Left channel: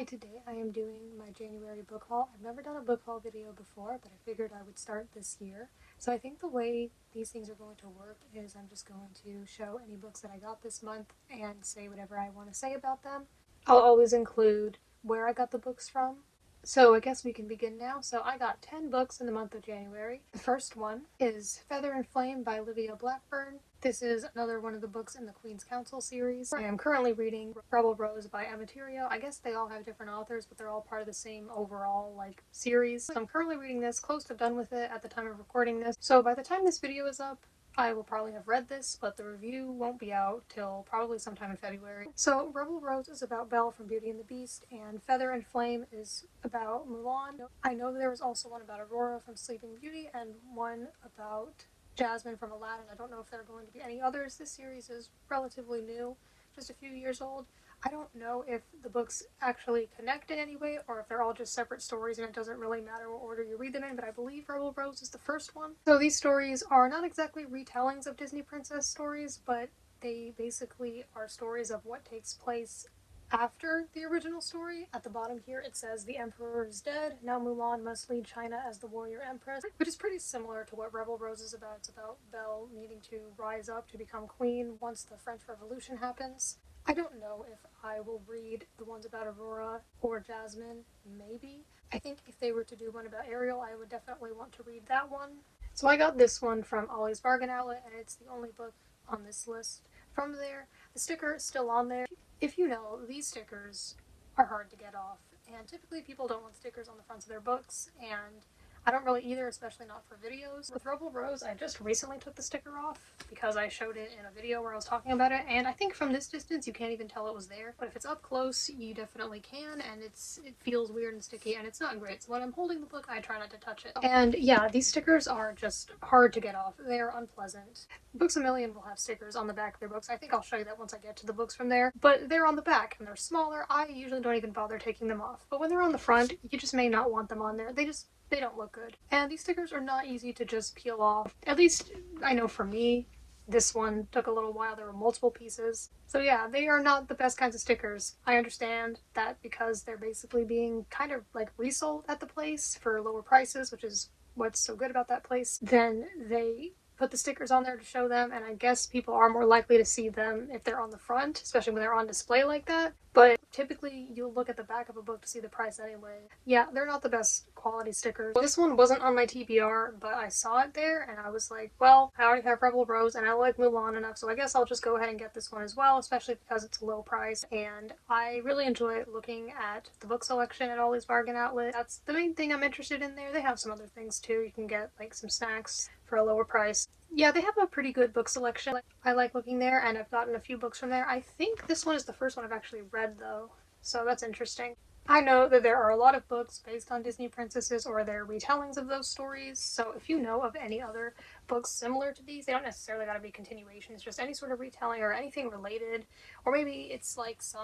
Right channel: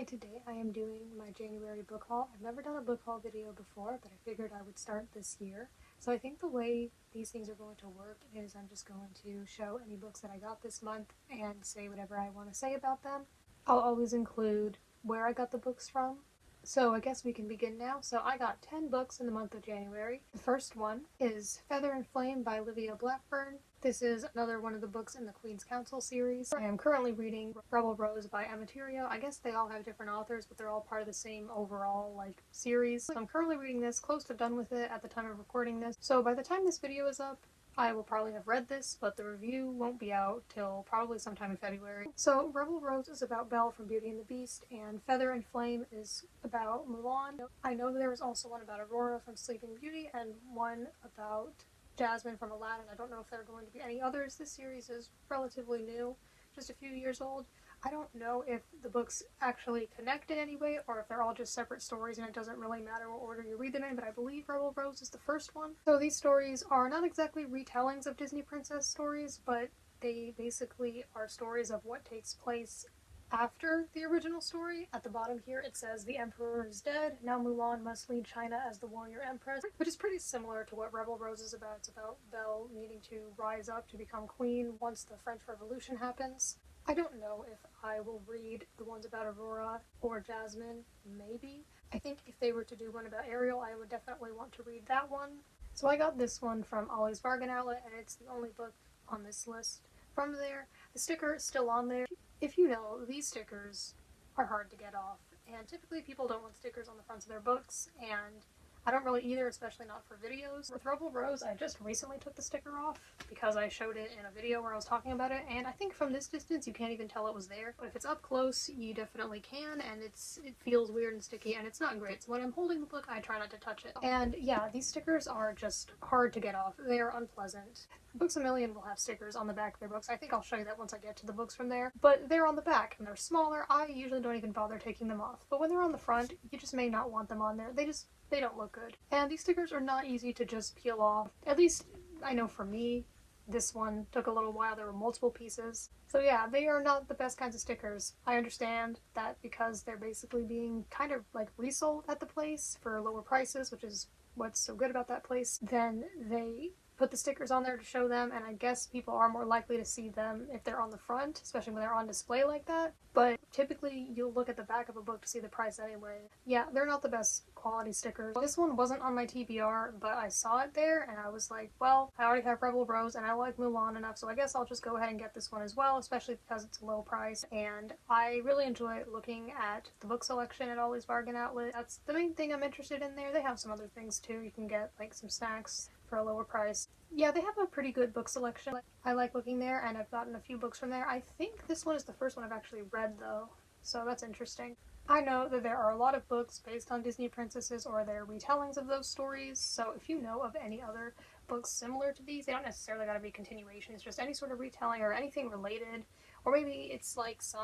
Hi, today I am doing my January book haul. I've never done a book haul video before, but I figured I would start this year. So I think the way these things are going to work is I'm just going to show any books that I got this month and say whatever I want to say about them. I'll always include where I got the books from. So I guess we can begin now. So I got 10 books in the month of January. The first one is Feather and Flame by Olivia Blackburn. This is another one of the books in the Queen's Counsel series. I am currently reading Rebel Rose by Emma. I guess they all have different authors, but they're all part of the same overall series. So I'm currently reading this, close to done with it at the time of recording this. So by the time this video is up, I will probably have read this, but the review won't be out till probably sometime in February. So Rebel Rose is about Belle from Beauty and the Beast, and Feather and Flame is about Mulan. I know there was also one about Aurora from Sleeping Beauty and one about Jasmine from Aladdin. I don't know if there are going to be any others. This series is relatively new, just a few years old. I don't know if the books actually connect in any way or if they're all just separate stories and it doesn't really matter what order you read them in, but I believe Rebel Rose is the first one. So these stories are not exactly retellings of Disney princess stories, but they basically are stories of what takes place after the original story. At the bottom here it says the emperor is dead, now Mulan must lead China as the warrior empress, which is pretty similar to what Rebel Rose is about. It's about Belle needing to rise up to become queen once the French Revolution happens. I don't know if I will read the ones about Aurora or Jasmine, maybe. I think if they were to do one about Ariel, I would definitely want to read that one. So I got this one from Ollie's Bargain Outlet, and it's the only book on this list from there. The sticker is still on there. If you know, these stickers are hard to get off, and typically people don't want stickers on the fronts of their books, and I don't really either, especially not for videos. With Rebel Rose, I just recently took the sticker off because I showed it in a video where I was talking about it, and I think from this distance you can't even tell it was there, but if it's up close you definitely can, and it feels weird and sticky, and it's not great. So when I'm holding the book, I try not to touch it. And yeah, these stickers are just hard to get off. They're unpleasant. Books A Million will have stickers on the back of their books. I think I'll show you that once I get to the books from there, but they're on the back and they're smaller. I usually don't even bother taking them off, but when they're on the front, you just may not want them on there. They don't look good. And these stickers are not easy to just peel off. At least I know for me, this one took a little while. There were multiple pieces. So yeah, they are not the best kinds of stickers. I understand that because they're basically being kind of resold at the place for lower prices, which is what's so good about that place. Then they put the stickers on there to show them, and I guess people are more likely to see them if they're on the front, especially when they're on display like that. But typically you'll look at the back of a book to see the price anyway. Yeah, they're not the best quality stickers. This one wasn't on my TBR, but I saw it there and I was like, well, I already have Rebel Rose and I like Mulan enough, so I guess I'll just go ahead and get this one as well, especially because it's a low price. And I really enjoy looking at the book selection at Ollie's Bargain Outlet. That's the main thing I'm interested in there. They have some other things too. You can get some snacks for a lower price. Yeah, they have a pretty good book selection. I like looking there, and I've gotten a few books from there. I think this one is the first one I've actually read though, so that's interesting. I know that there are a lot of books based on Disney princesses or their retellings of those stories, so if you know of any other books similar to these, they don't necessarily gotta be continuations, just any sort of retelling or anything related, or maybe it's some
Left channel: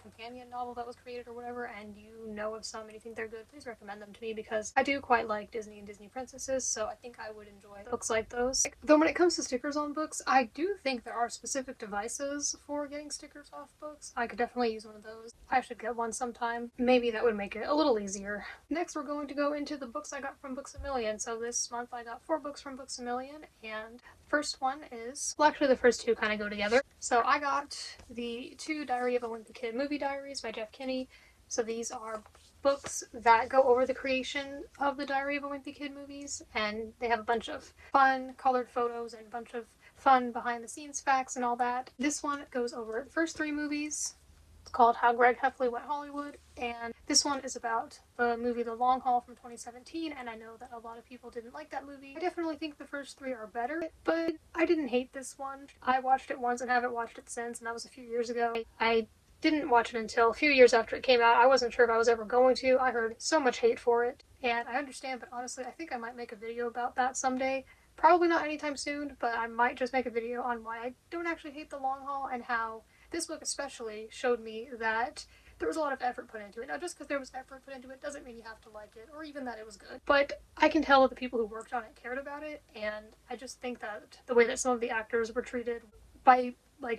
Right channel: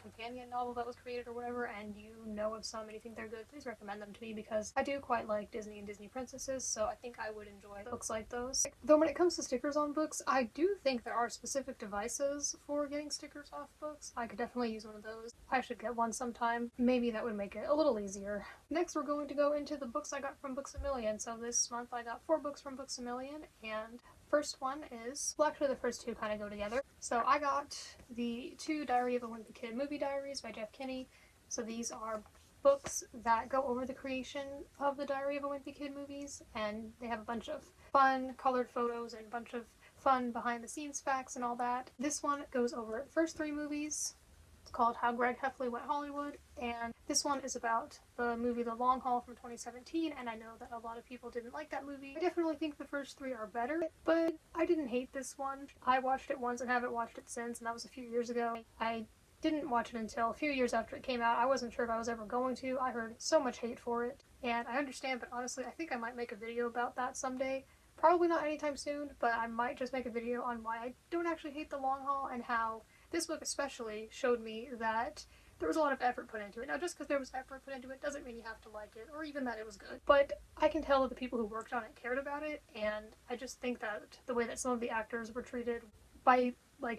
companion novel that was created or whatever, and you know of some and you think they're good, please recommend them to me because I do quite like Disney and Disney princesses, so I think I would enjoy books like those. Though when it comes to stickers on books, I do think there are specific devices for getting stickers off books. I could definitely use one of those. I should get one sometime. Maybe that would make it a little easier. Next, we're going to go into the books I got from Books A Million. So this month I got 4 books from Books A Million, and first one is, well, actually the first two kind of go together. So I got the 2 Diary of a Wimpy Kid movie diaries by Jeff Kinney. So these are books that go over the creation of the Diary of a Wimpy Kid movies, and they have a bunch of fun colored photos and a bunch of fun behind the scenes facts and all that. This one goes over the first 3 movies. It's called How Greg Heffley Went Hollywood, and this one is about the movie The Long Haul from 2017, and I know that a lot of people didn't like that movie. I definitely think the first 3 are better, but I didn't hate this one. I watched it once and haven't watched it since, and that was a few years ago. I didn't watch it until a few years after it came out. I wasn't sure if I was ever going to. I heard so much hate for it, and I understand, but honestly, I think I might make a video about that someday. Probably not anytime soon, but I might just make a video on why I don't actually hate The Long Haul and how this book especially showed me that there was a lot of effort put into it. Now, just because there was effort put into it doesn't mean you have to like it, or even that it was good. But I can tell that the people who worked on it cared about it, and I just think that the way that some of the actors were treated by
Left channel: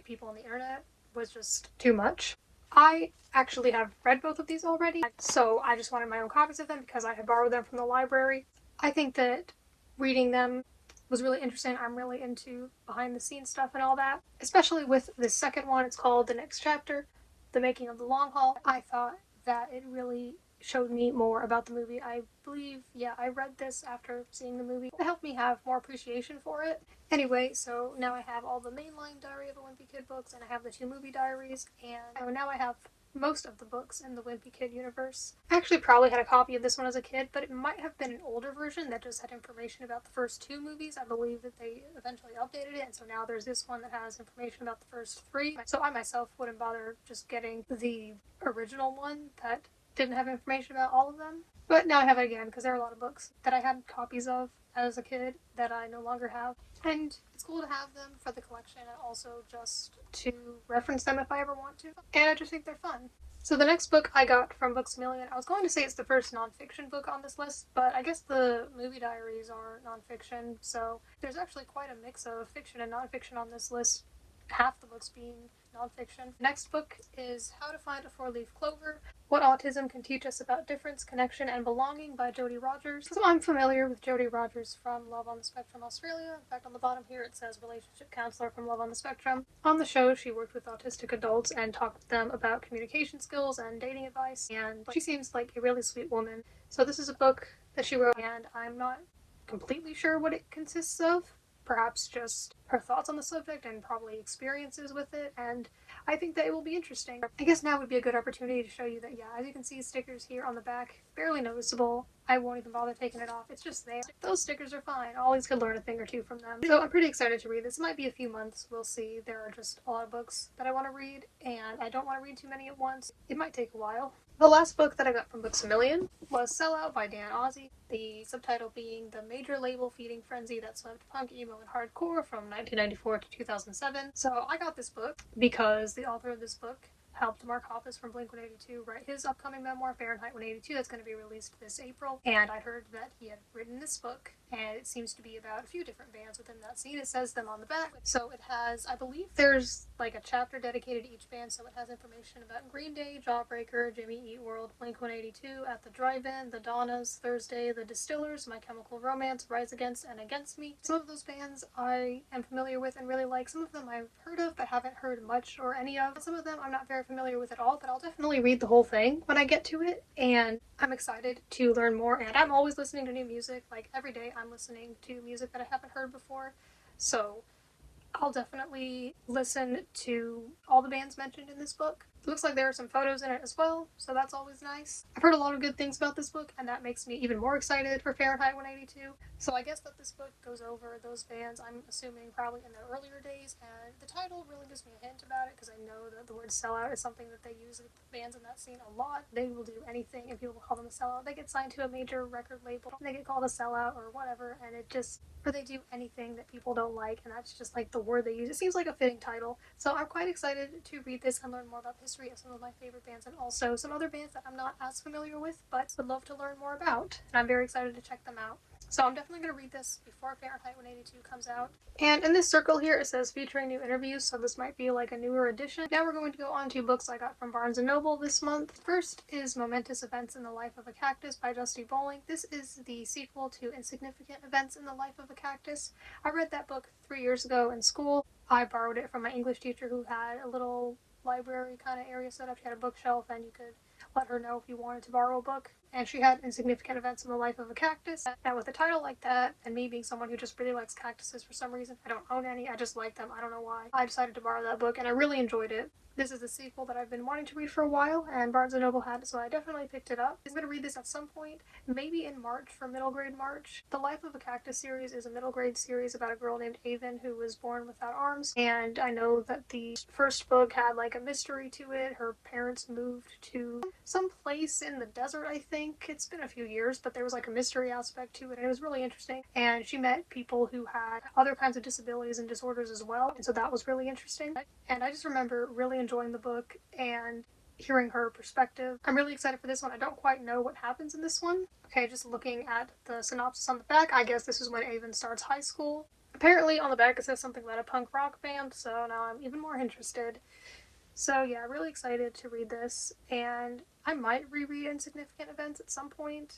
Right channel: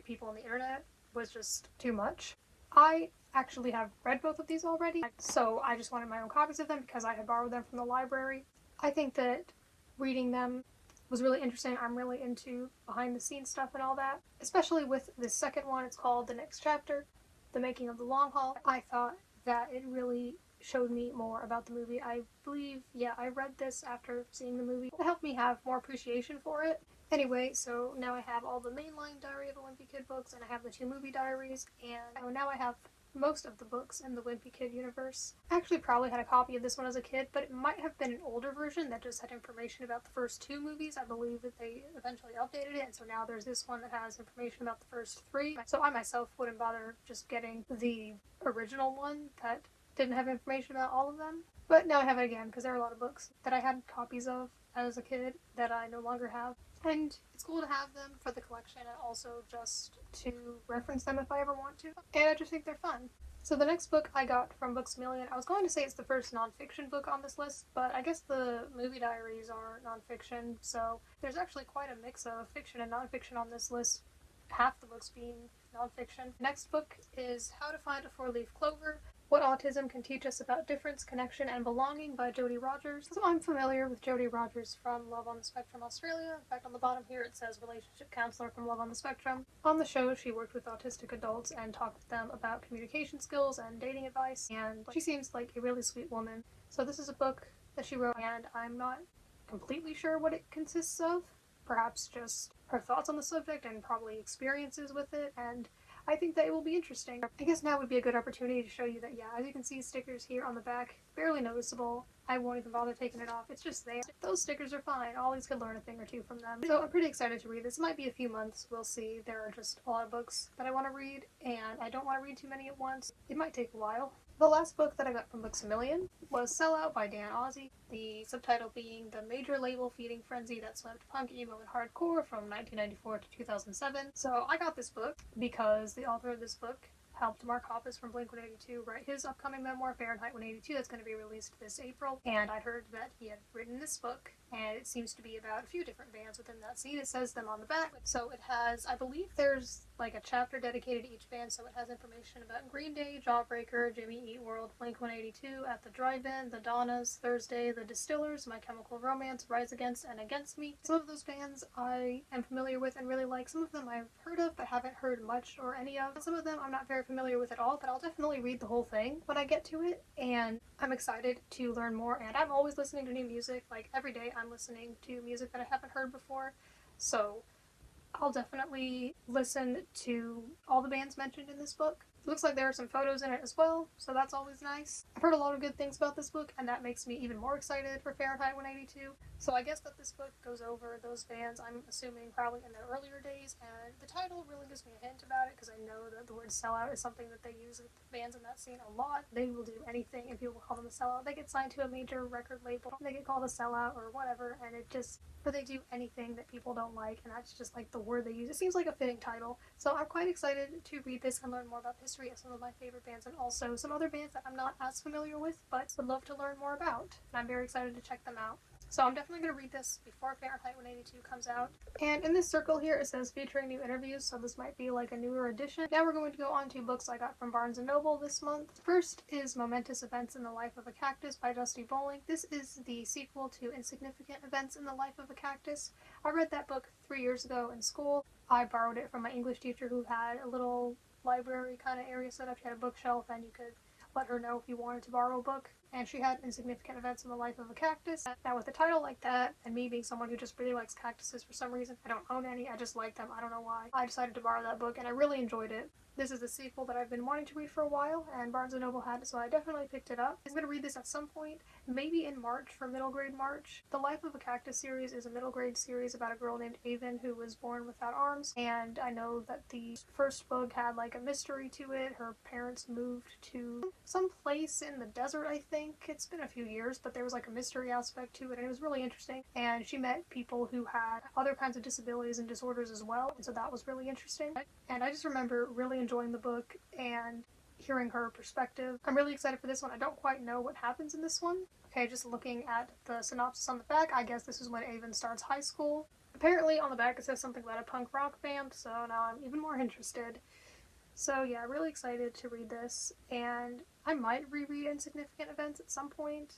people on the internet was just too much. I actually have read both of these already, so I just wanted my own copies of them because I had borrowed them from the library. I think that reading them was really interesting. I'm really into behind the scenes stuff and all that, especially with the second one. It's called The Next Chapter, The Making of the Long Haul. I thought that it really showed me more about the movie. I believe, yeah, I read this after seeing the movie. It helped me have more appreciation for it. Anyway, so now I have all the mainline Diary of a Wimpy Kid books, and I have the 2 movie diaries, and now I have most of the books in the Wimpy Kid universe. I actually probably had a copy of this one as a kid, but it might have been an older version that just had information about the first 2 movies. I believe that they eventually updated it, and so now there's this one that has information about the first 3. So I myself wouldn't bother just getting the original one that didn't have information about all of them. But now I have it again because there are a lot of books that I had copies of as a kid that I no longer have. And it's cool to have them for the collection and also just to reference them if I ever want to. And I just think they're fun. So the next book I got from Books A Million, I was going to say it's the first nonfiction book on this list, but I guess the movie diaries are nonfiction, so there's actually quite a mix of fiction and nonfiction on this list, half the books being nonfiction. The next book is How to Find a 4-Leaf Clover, What Autism Can Teach Us About Difference, Connection, and Belonging by Jodie Rogers. So I'm familiar with Jodie Rogers from Love on the Spectrum Australia. In fact, on the bottom here it says Relationship Counselor from Love on the Spectrum. On the show, she worked with autistic adults and talked to them about communication skills and dating advice, and she seems like a really sweet woman. So this is a book that she wrote, and I'm not completely sure what it consists of. Perhaps just her thoughts on the subject and probably experiences with it, and I think that it will be interesting. I guess now would be a good opportunity to show you that, yeah, as you can see, stickers here on the back, barely noticeable. I won't even bother taking it off. It's just there. Those stickers are fine. I always could learn a thing or two from them. So I'm pretty excited to read this. It might be a few months. We'll see. There are just a lot of books that I want to read, and I don't want to read too many at once. It might take a while. The last book that I got from Books A Million was Sell Out by Dan Ozzie, the subtitle being The Major Label Feeding Frenzy That Swept Punk, Emo, and Hardcore from 1994 to 2007. So I got this book because the author of this book helped Mark Hoppus from Blink-182 write his upcoming memoir, Fahrenheit 182, that's going to be released this April. And I heard that he had written this book, and it seems to be about a few different bands within that scene. It says them on the back. So it has, I believe there's like a chapter dedicated to each band, so it has information about Green Day, Jawbreaker, Jimmy Eat World, Blink-182, At the Drive-In, The Donnas, Thursday, The Distillers, My Chemical Romance, Rise Against, and Against Me. Some of those bands I am familiar with and really like. Some of them I've heard of but haven't heard much or any of. Some of them I'm not very familiar with at all, but I'll definitely read the whole thing when I get to it, and I'm excited to learn more. And I'm always listening to new music. Like every day I'm listening to music that I haven't heard before, so I'll definitely listen to all the bands mentioned in this book. It looks like there are some photos in it as well, so that's always nice. I've heard a lot of good things about this book, and that makes me even more excited for Fahrenheit 182. So I guess that this book goes over those bands, I'm assuming probably in their earlier days, and the title really gives me a hint about it because I know that the word sellout is something that they use with bands in that scene a lot. They will do anything if people call them a sellout. They get signed to a major record label, they get called a sellout or whatever, and it just, or they do anything that people don't like, and that's just like the word they use. It seems like a fitting title, so I'm quite excited to read this and learn more about the history of some of my favorite bands and also some other bands that I'm not as familiar with but would love to learn more about, and I'm very excited to check them out. So I'm definitely going to read this before Fahrenheit 182 comes out. And in this circle here it says featuring new interviews, so this might be like a newer edition. Now we're going to go on to books I got from Barnes & Noble this month. First is Momentous Events in the Life of a Cactus by Dusty Bowling. This is the sequel to Insignificant Events in the Life of a Cactus. I read that book 3 years ago in school. I borrowed it from my English teacher who had a little library kind of area set up. She had a bookshelf and you could let her know if you wanted to borrow a book. And she had Insignificant Events in the Life of a Cactus. Now with a title like that, and me being someone who just really likes cactuses for some reason, I don't own any, I just like them, I don't know why, I decided to borrow that book and I really enjoyed it. This is the sequel that I've been wanting to read for a while, and Barnes & Noble had it, so I definitely picked it up. I'm going to read this at some point, maybe in March for middle grade March. The Life of a Cactus series is a middle grade series about a girl named Avon who was born without arms, and I know that the first book had like a mystery to it. Her parents moved to some place in the desert, I think. It's been a few years, but there was like a mystery aspect to it, and it was really interesting. And she met people who had other kinds of disabilities and disorders as well, and so that was really interesting. And I just remember really enjoying the book and hearing her perspective. I'm really excited for this one. I don't quite know what happens in this one. Okay, just looking at the synopsis on the back, I guess this is when Avon starts high school. Apparently on the back it says something about a punk rock band, so now I'm even more interested. So yeah, I'm really excited to read this, and I might reread Insignificant Events at some point.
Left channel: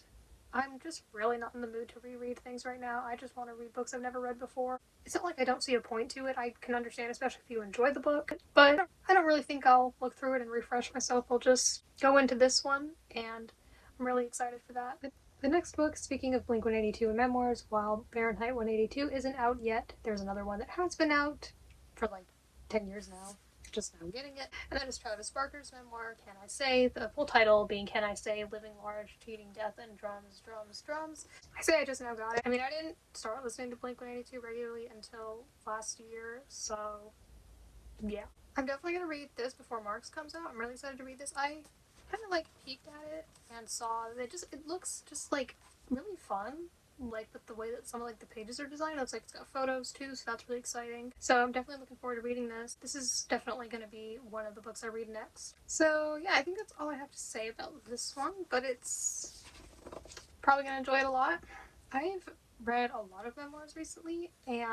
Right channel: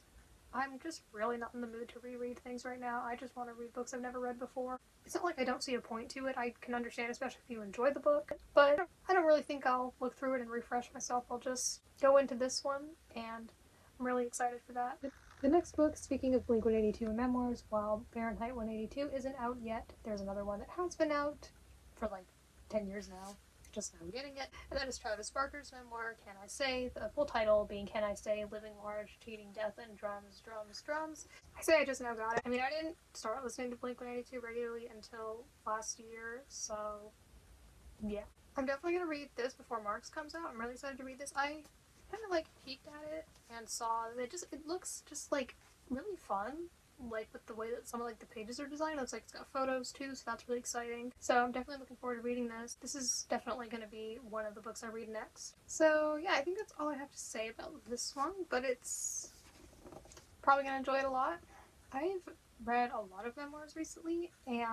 I'm just really not in the mood to reread things right now. I just want to read books I've never read before. It's not like I don't see a point to it. I can understand, especially if you enjoy the book, but I don't really think I'll look through it and refresh myself. I'll just go into this one, and I'm really excited for that. The next book, speaking of Blink-182 memoirs, while Fahrenheit 182 isn't out yet, there's another one that has been out for like 10 years now. Just now getting it. And that is Travis Barker's memoir, Can I Say? The full title being Can I Say? Living Large, Cheating, Death, and Drums, Drums, Drums. I say I just now got it. I mean, I didn't start listening to Blink-182 regularly until last year, so yeah. I'm definitely going to read this before Marks comes out. I'm really excited to read this. I kind of like peeked at it and saw that it looks just like really fun. Like with the way that some of like the pages are designed. It's like it's got photos too, so that's really exciting. So I'm definitely looking forward to reading this. This is definitely going to be one of the books I read next. So yeah, I think that's all I have to say about this one, but it's probably going to enjoy it a lot. I've read a lot of memoirs recently, and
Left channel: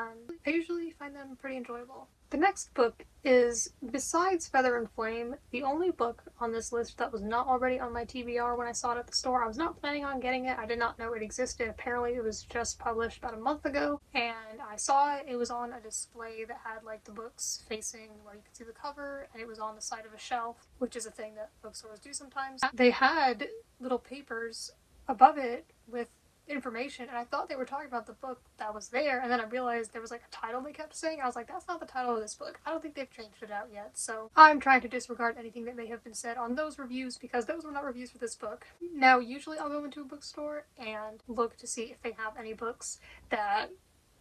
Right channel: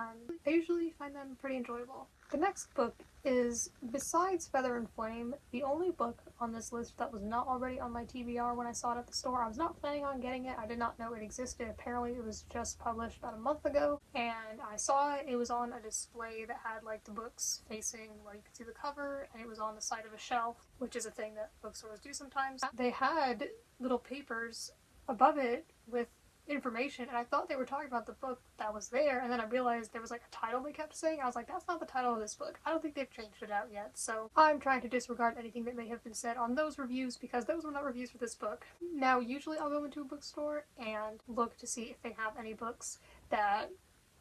I usually find them pretty enjoyable. The next book is, besides Feather and Flame, the only book on this list that was not already on my TBR when I saw it at the store. I was not planning on getting it. I did not know it existed. Apparently it was just published about a month ago, and I saw it. It was on a display that had like the books facing where you could see the cover, and it was on the side of a shelf, which is a thing that bookstores do sometimes. They had little papers above it with information, and I thought they were talking about the book that was there, and then I realized there was like a title they kept saying. I was like, that's not the title of this book. I don't think they've changed it out yet, so I'm trying to disregard anything that may have been said on those reviews, because those were not reviews for this book. Now, usually I'll go into a bookstore and look to see if they have any books that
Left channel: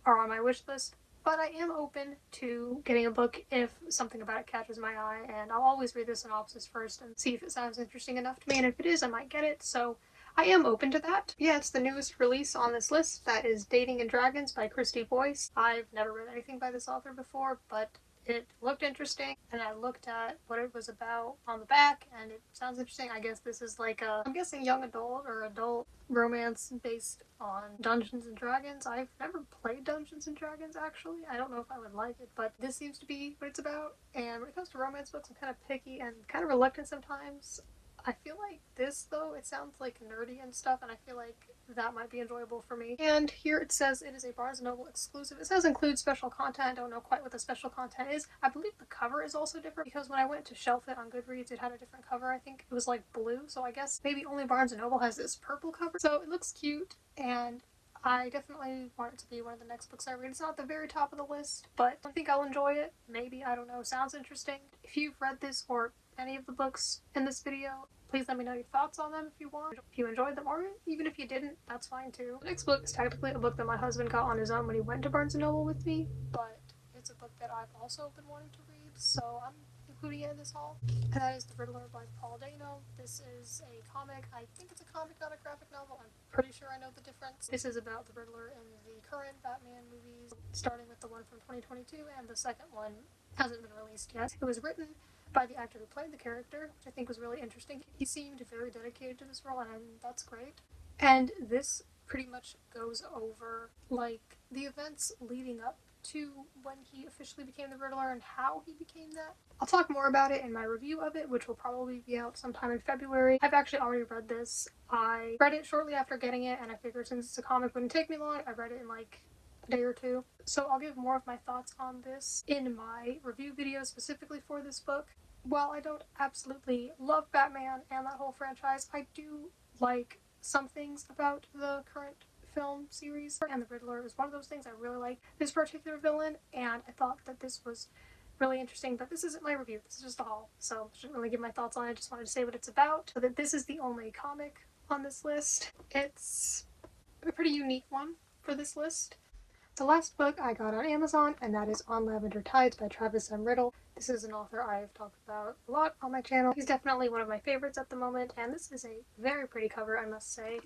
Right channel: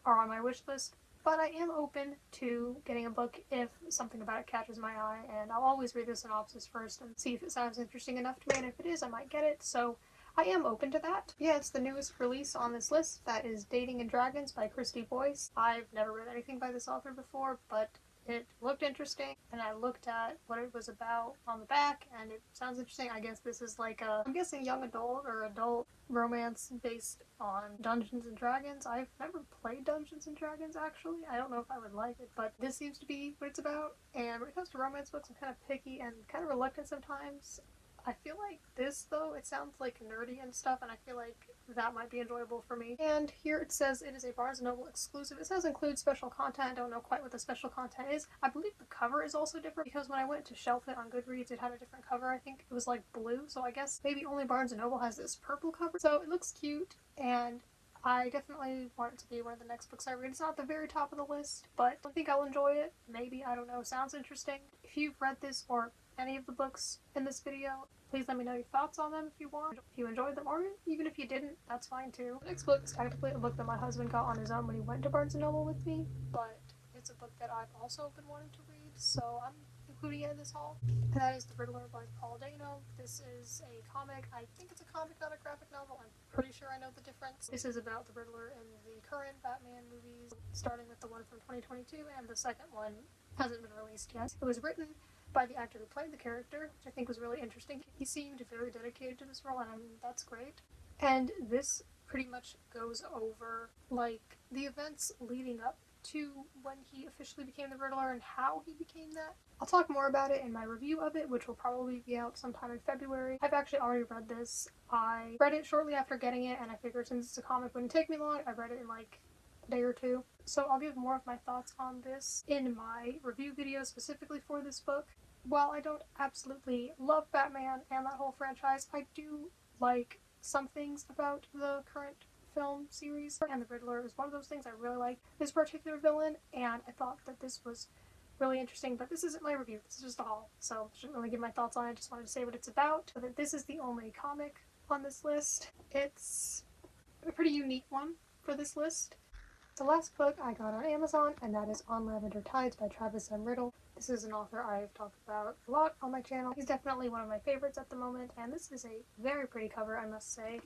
are on my wish list, but I am open to getting a book if something about it catches my eye, and I'll always read the synopsis first and see if it sounds interesting enough to me, and if it is, I might get it, so I am open to that. Yeah, it's the newest release on this list. That is Dating and Dragons by Christy Boyce. I've never read anything by this author before, but it looked interesting, and I looked at what it was about on the back, and it sounds interesting. I guess this is like I'm guessing young adult or adult romance based on Dungeons and Dragons. I've never played Dungeons and Dragons, actually. I don't know if I would like it, but this seems to be what it's about. And when it comes to romance books, I'm kind of picky and kind of reluctant sometimes. I feel like this, though, it sounds like nerdy and stuff, and I feel like that might be enjoyable for me. And here it says it is a Barnes & Noble exclusive. It says include special content. I don't know quite what the special content is. I believe the cover is also different, because when I went to shelf it on Goodreads, it had a different cover. I think it was like blue, so I guess maybe only Barnes & Noble has this purple cover. So it looks cute, and I definitely want it to be one of the next books I read. It's not at the very top of the list, but I think I'll enjoy it. Maybe, I don't know. Sounds interesting. If you've read this or any of the books in this video, please let me know your thoughts on them if you want. If you enjoyed them, or even if you didn't, that's fine too. The next book is technically a book that my husband got on his own when he went to Barnes & Noble with me, but it's a book that I've also been wanting to read, so I'm including it in this haul. And that is The Riddler by Paul Dano. This is a comic. I think it's a comic, not a graphic novel. I'm pretty sure I know the difference. This is about the Riddler in the current Batman movies, starting with the one from 2022, and the second one hasn't been released yet. It was written by the actor who played the character, which I think was really interesting. He seemed very dedicated to this role, and I mean, that's great. And this pretty much goes over, like, the events leading up to when he officially became the Riddler and how he became that. I'll talk more about it in my review of it, which will probably be out sometime in February. I've actually already read this. I read it shortly after getting it, and I figured since it's a comic, it wouldn't take me long. I read it in like a day or two. So I'll give more of my thoughts on this in my review video specifically for this book. While I don't absolutely love Batman and that whole franchise, I do like some things about the current film series, and the Riddler is one of those things. I really like this particular villain, and I thought that this was really interesting, but this isn't my review. This is just a haul, so I shouldn't really give my thoughts on it. I just wanted to say what it's about, so that this is the only comic on this list. It's a pretty unique one for this list. The last book I got on Amazon, and that is On Lavender Tides by Travis M. Riddle. This is an author I've talked about a lot on my channel. He's definitely one of my favorites at the moment, and this is a very pretty cover, I must say.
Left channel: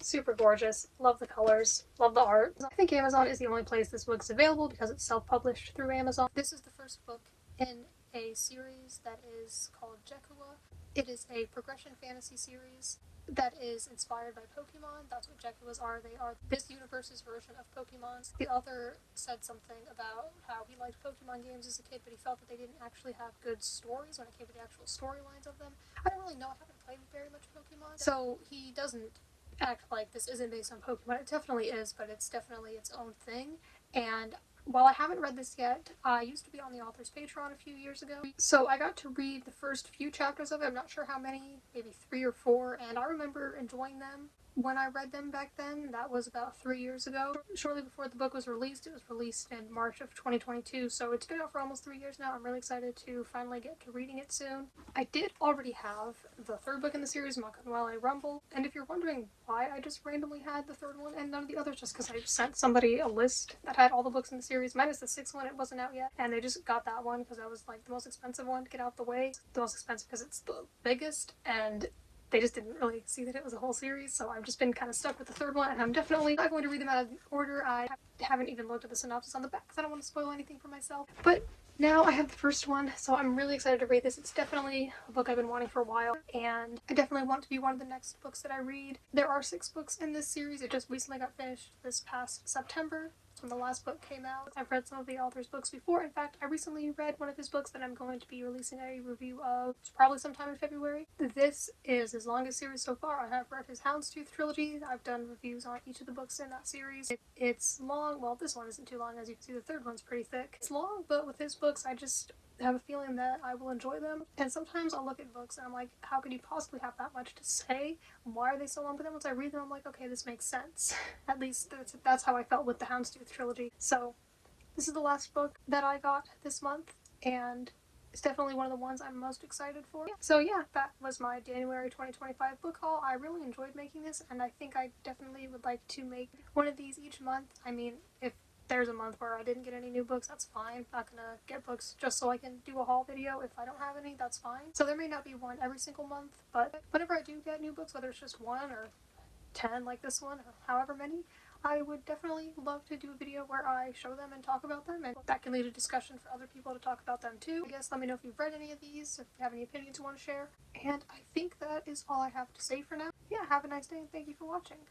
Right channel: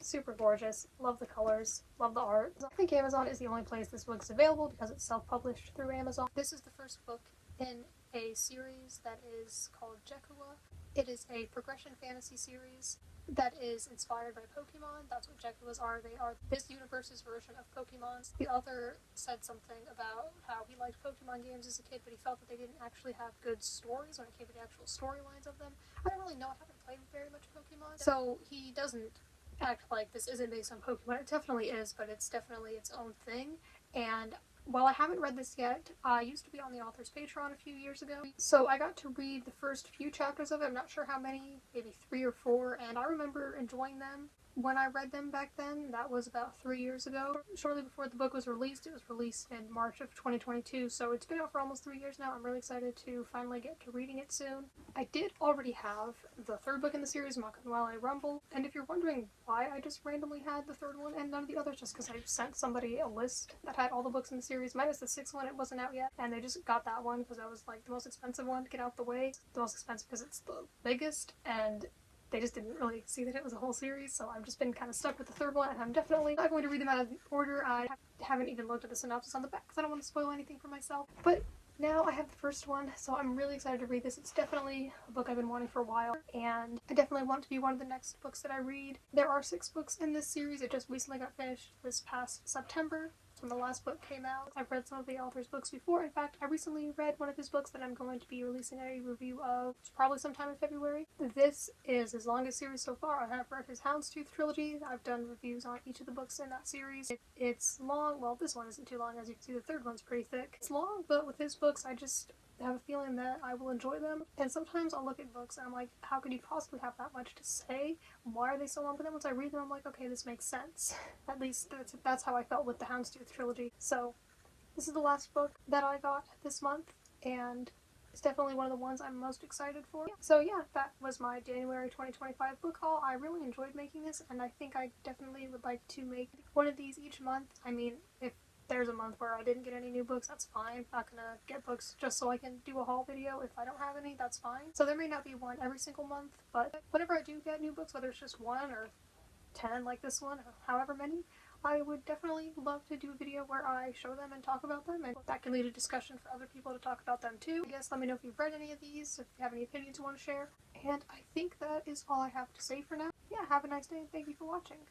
Super gorgeous. Love the colors. Love the art. I think Amazon is the only place this book's available because it's self-published through Amazon. This is the first book in a series that is called Jekua. It is a progression fantasy series that is inspired by Pokemon. That's what Jaguars are. They are this universe's version of Pokemon. The author said something about how he liked Pokemon games as a kid, but he felt that they didn't actually have good stories when it came to the actual storylines of them. I don't really know. I haven't played very much Pokemon. So he doesn't act like this isn't based on Pokemon. It definitely is, but it's definitely its own thing. And while I haven't read this yet, I used to be on the author's Patreon a few years ago, so I got to read the first few chapters of it. I'm not sure how many, maybe 3 or 4, and I remember enjoying them when I read them back then. That was about 3 years ago. Shortly before the book was released, it was released in March of 2022, so it's been out for almost 3 years now. I'm really excited to finally get to reading it soon. I did already have the third book in the series, Makunwale Rumble, and if you're wondering why I just randomly had the third one and none of the others, just because I sent somebody a list that had all the books in the series, minus the 6th one. It wasn't out yet, and they just got that one because that was like the most expensive one to get out the way. The most expensive because it's the biggest, and they just didn't really see that it was a whole series, so I've just been kind of stuck with the third one, and I'm definitely not going to read them out of order. I haven't even looked at the synopsis on the back because I don't want to spoil anything for myself. But now I have the first one, so I'm really excited to read this. It's definitely a book I've been wanting for a while, and I definitely want to be one of the next books that I read. There are 6 books in this series. It just recently got finished this past September, when the last book came out. I've read some of the author's books before. In fact, I recently read one of his books that I'm going to be releasing a review of probably sometime in February. This is his longest series so far. I have read his Houndstooth trilogy. I've done reviews on each of the books in that series. It's long. Well, this one isn't too long. As you can see, the third one's pretty thick. It's long, but with his books, I just have a feeling that I will enjoy them. And sometimes I'll look at books and I'm like, how could you possibly have that much to say? Why are they so long? But then once I read them, I'm like, okay, this makes sense. At least that's how I felt with the Houndstooth trilogy. So this is the last book that I got this month, and it's definitely one of the ones I'm most excited for. So yeah, that was my January 2025 book haul. I really enjoyed making this, and I think I definitely would like to make one of these each month. I mean, if there's a month where I didn't get any new books, that's fine. I'm not gonna get books just so I can do a haul video. If I don't have any, that's fine. So there may not be one every single month, but whenever I do get new books, whether it's just 1 or 10 like this one, or however many, I would definitely love to do a video where I show them and talk about them, and that can lead to discussion for other people to talk about them too. I guess let me know if you've read any of these, if you have any opinions you want to share. And I think that is all I have to say for now. Yeah, have a nice day and thank you for watching.